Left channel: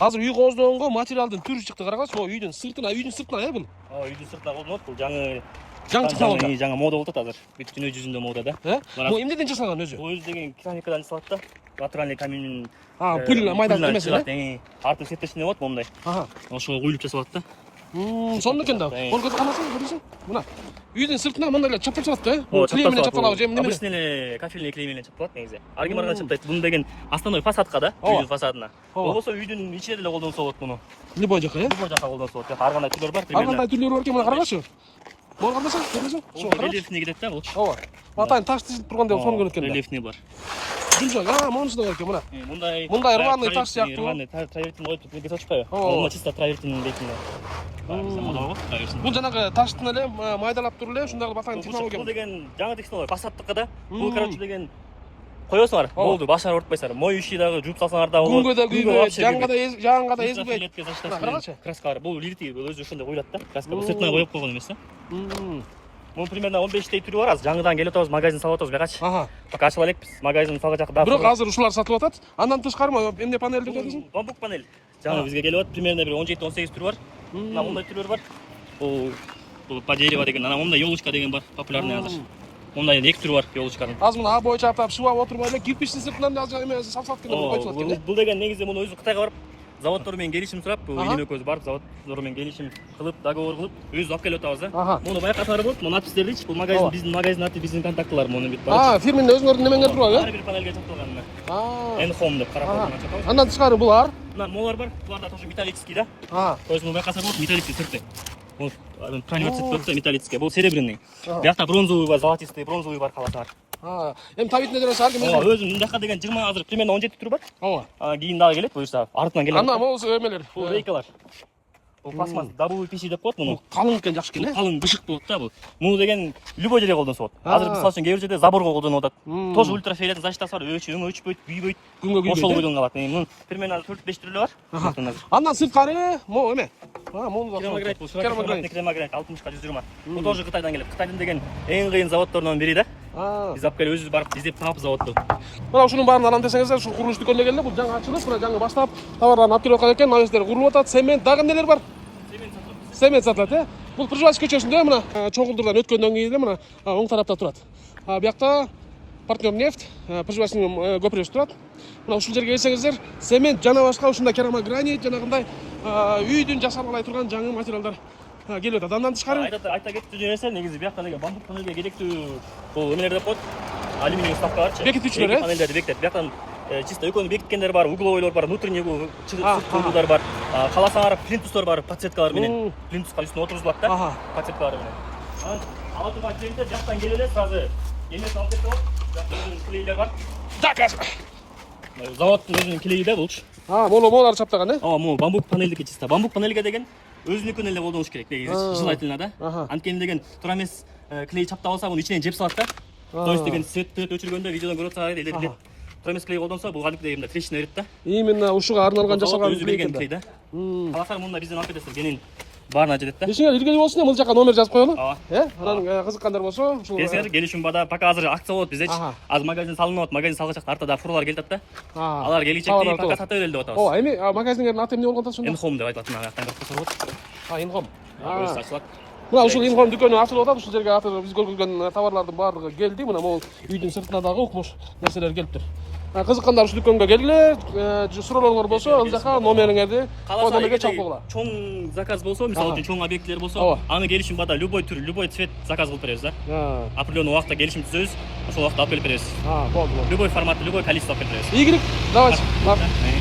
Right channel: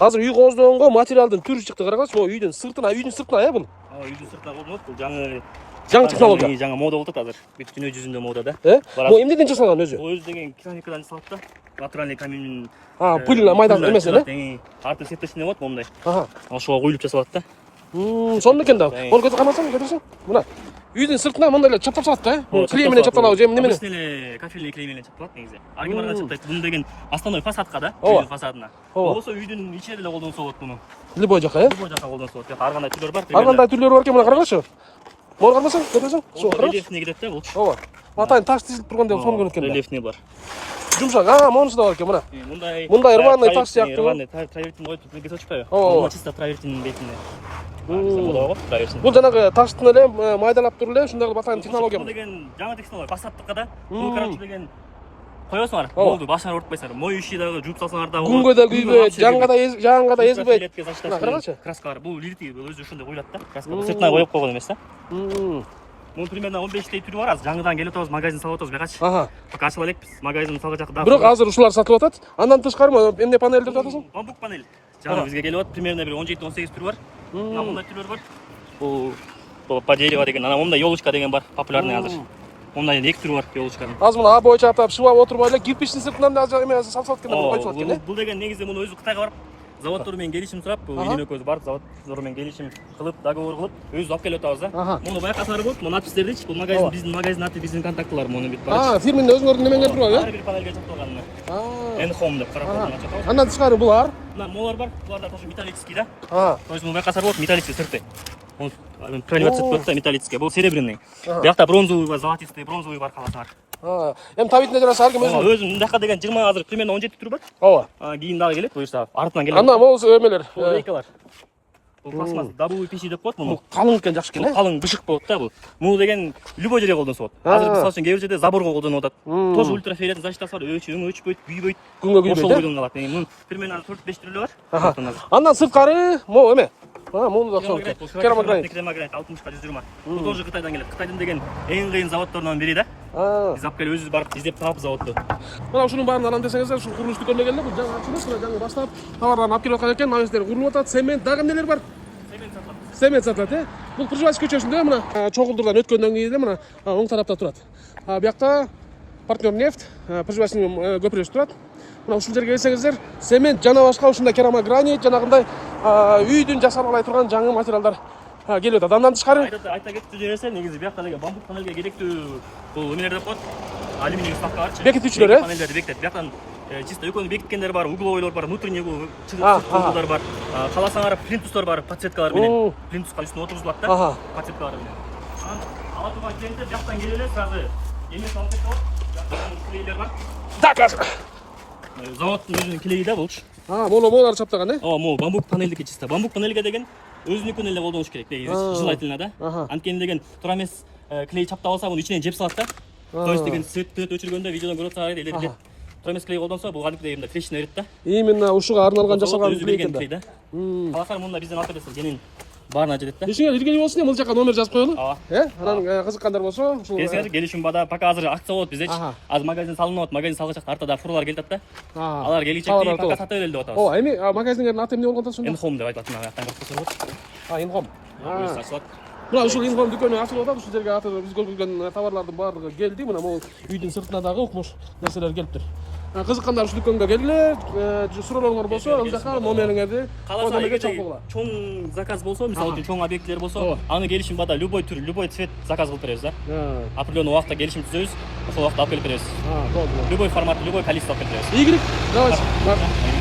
Азыр үй кооздогонго материалдын түрү чыкты, карагыз. Ошо үйдүн сыртына бул. Үйдүн сыртына колдонот. Бул жаңы технология. жаңы мода болуп атат азыр. Бүт дүнө жүзүндө мода да. Бул эмнеден жасалган өзү? Өзү деген керамикадан жасалат да. Натуральный камень. Пыль майдан эмес эле. Арты септешине болот момундай. Ошого куюлуп жасалат да. Сонун экен да. Оны көрсөң, мына. Үйдүн сыртына мындай эле чаптап салат да. Клей менен чаптап алып, неме? Обычный эле кафельный клей менен чапталат негизи. Оригиналдан чаптайт. Муну деген основной фасадка да, үйдүн фасадына. Болбосо үйдүн ичине деле колдонсо болот муну. Любой жака, Любой жака колдонсо болот. Ар кандай түрлөр бар. Ар кандай түрлөрү бар экен, мына карагычы. Мына карасаң, көрөсүң? Рельефный кетет да, болчу. Ооба. Атайын таш тизилип тургандай сонун көрүнөт экен. Рельефный бар. Жумшак, монусу да бар экен, мына. Мындай рваный таш сыяктуу. Рваный травертин коюп бизге сочпайбы? Мына чисто травертин дейтин. Бул жанагы таштын эле майдалап туруп эле ушундай кылып атайын технология. Бул деген жаңы технология, фасадтыкка да. Бул короче деген коесуңар, болду, башыңар урутпайсыңар. Моющий дагы жууп салсаңар дагы болот. Күнгө да күйгө, жаңга да эзилбейт. Краска бар. Бул лирти, бул өзү ушундай коюлат да. Краска бул цветной коюп койгон эмес да. Бул примерно 15 түрү бар. Азыр жаңыдан келип атабыз, магазин салып атабыз бакачы. Пока ачып элекпиз. Магазин салгачак да. Бирок азыр ушулар сатылып атат. Андан тышкары эмне панелдер деп атасың? Бамбук панель. Жаңы бизге келип атат. Примерно бир 17-18 түрү бар. Мына мындай түрлөр бар. Бул по дерево деген, ана мындай елочка деген бар, популярный азыр. Мындай эки түрү бар елочканын. Азыр мына боюнча атап шыбап отурбай эле кирпичтин сыртынан да эме сатылып аткан деп айтып аткан. Бул деген негизи муну өзү Кытайга барып, заводдор менен келишим сурап, үйүнө көз барып, заводдор менен келишим кылып, договор кылып, өзү алып келип атабыз да. Муну байкасаңар болот, муну надпистердичи, бул магазин биздин магазин аты, биздин контактылар муну бүт бар. Фирменин өзүңөрдүн немеңер турбайбы? Ар бир панелге чапталган. N-Home деп карап чапталган. Андан тышкары булар? Мына молар бар, булар да тоже металлический да. То есть муну байкасаңар болот, металлический сырты. Он правильно цвет металлический, был серебряный. Биякта бронзовый бар, золотистый, бронзовый бар каласаңар. Эми табитине жараса алгым өзү. Өзү мындакка деген 20 азыр примерно 17 түрү бар. Ооба. Кийин дагы келет, буюрса артынан келет. Анда могу эмелер. Рейкалар. Бул пластмасс, дабл пиши деп коет муну. Калың экен, жакшы экен. Калың бышык болот да бул. Муну деген любой жерге колдонсо болот. Азыр мисалы үчүн кээ бир жерде заборго колдонуп атат. Тоже ультрафиолетный защитасы бар, өчпөйт, күйбөйт. Күнгө күйбөйт. Ошол колдонуп алат. Муну примерно 4-5 түрү бар. Андан сырткары могу эме. Муну да керамогранит 60-ка 120. Бул тоже Кытайдан келет. Кытайдын деген эң кыйын заводдорунун бири да. Биз алып келип өзүбүз барып издеп таап заводду. Мына ушунун баарын алам десеңиздер, ушу курулуш дүкөнүнө келгенде бул жаңы ачылып, мына жаңы баштап товарларын алып келип аткан экен. Мына жердер курулуп атат, цемент, дагы эмнелер бар? Цемент сатылат, Бул Пржевальский көчөсүндө мына чогулдурдан өткөндөн кийин эле мына оң тарапта турат. Биякта партнер нефть, Пржевальский көпүрөсү турат. Мына ушул жерге келсеңиздер, цемент жана башка ушундай керамогранит, жанагындай үйдүн жасап алай турган жаңы материалдар келип атат. Андан тышкары айта кетчү нерсе негизи биякта деген бамбук панелге керектүү бул эмелер деп коет. Алюминий вставка барчы. Бекитүүчүлөр, панелдерди бекитет. Биякта чисто экөөнү бекиткендер бар, угловойлор бар, внутренний углдар бар. Каласаңар плинтустор бар, подсветкалар менен. Плинтуска үстүнө отургузулат да, подсветкалар менен. Ала турган клиенттер жактан келе эле сразу эмес алып кетип алат. Клейлер бар. Заводдун өзүнүн клейи да болчу. Молар чаптаган, могу бамбук панелдики чисто. Бамбук панелге деген өзүнүкүн эле колдонуш керек негизи, желательно да. Анткени деген тура эмес клей чаптап алса, муну ичинен жеп салат да. То есть деген цвет өчүргөндө видеодон көрүп атсаңар эле тура эмес клей колдонсо, бул кадимки дегенде трещина берет да. Именно ушуга арналган жасалган клей да. Каласаңар мында бизден алып кетесиздер, кенен баарына жетет да. Ишиңер илгери болсун, бул жака номер жазып коелу. Анан кызыккандар болсо, ушул келсеңер, келишим бада, пока азыр акция болот биздечи. Азыр магазин салынып атат, магазин салгачакта артада фурлар келет да. Алар келичекти пока сата берели деп атабыз. Эми магазиндердин аты эмне болгон да ошондо? N-Home деп айтылат, мына жактан көрсөтсө болот. N-Home. Өзү ачылат. Мына ушул N-Home дүкөнү ачылып атат. Ушул жерге азыр биз көргөзгөн товарлардын баардыгы келди. Мына могу үйдүн сыртына дагы укмуш нерселер келиптир. Кызыккандар ушул дүкөнгө келгиле, суроолоруңар болсо, ал жака номериңерди номерге чалып койгула. Чоң заказ болсо, мисалы үчүн чоң объектилер болсо, аны келишим бада любой түр, любой цвет заказ кылып беребиз да. Определенный убакта келишим түзөбүз, ошол убакта алып келип беребиз. Любой формат, любой количество алып келип беребиз. Игорь, давайте.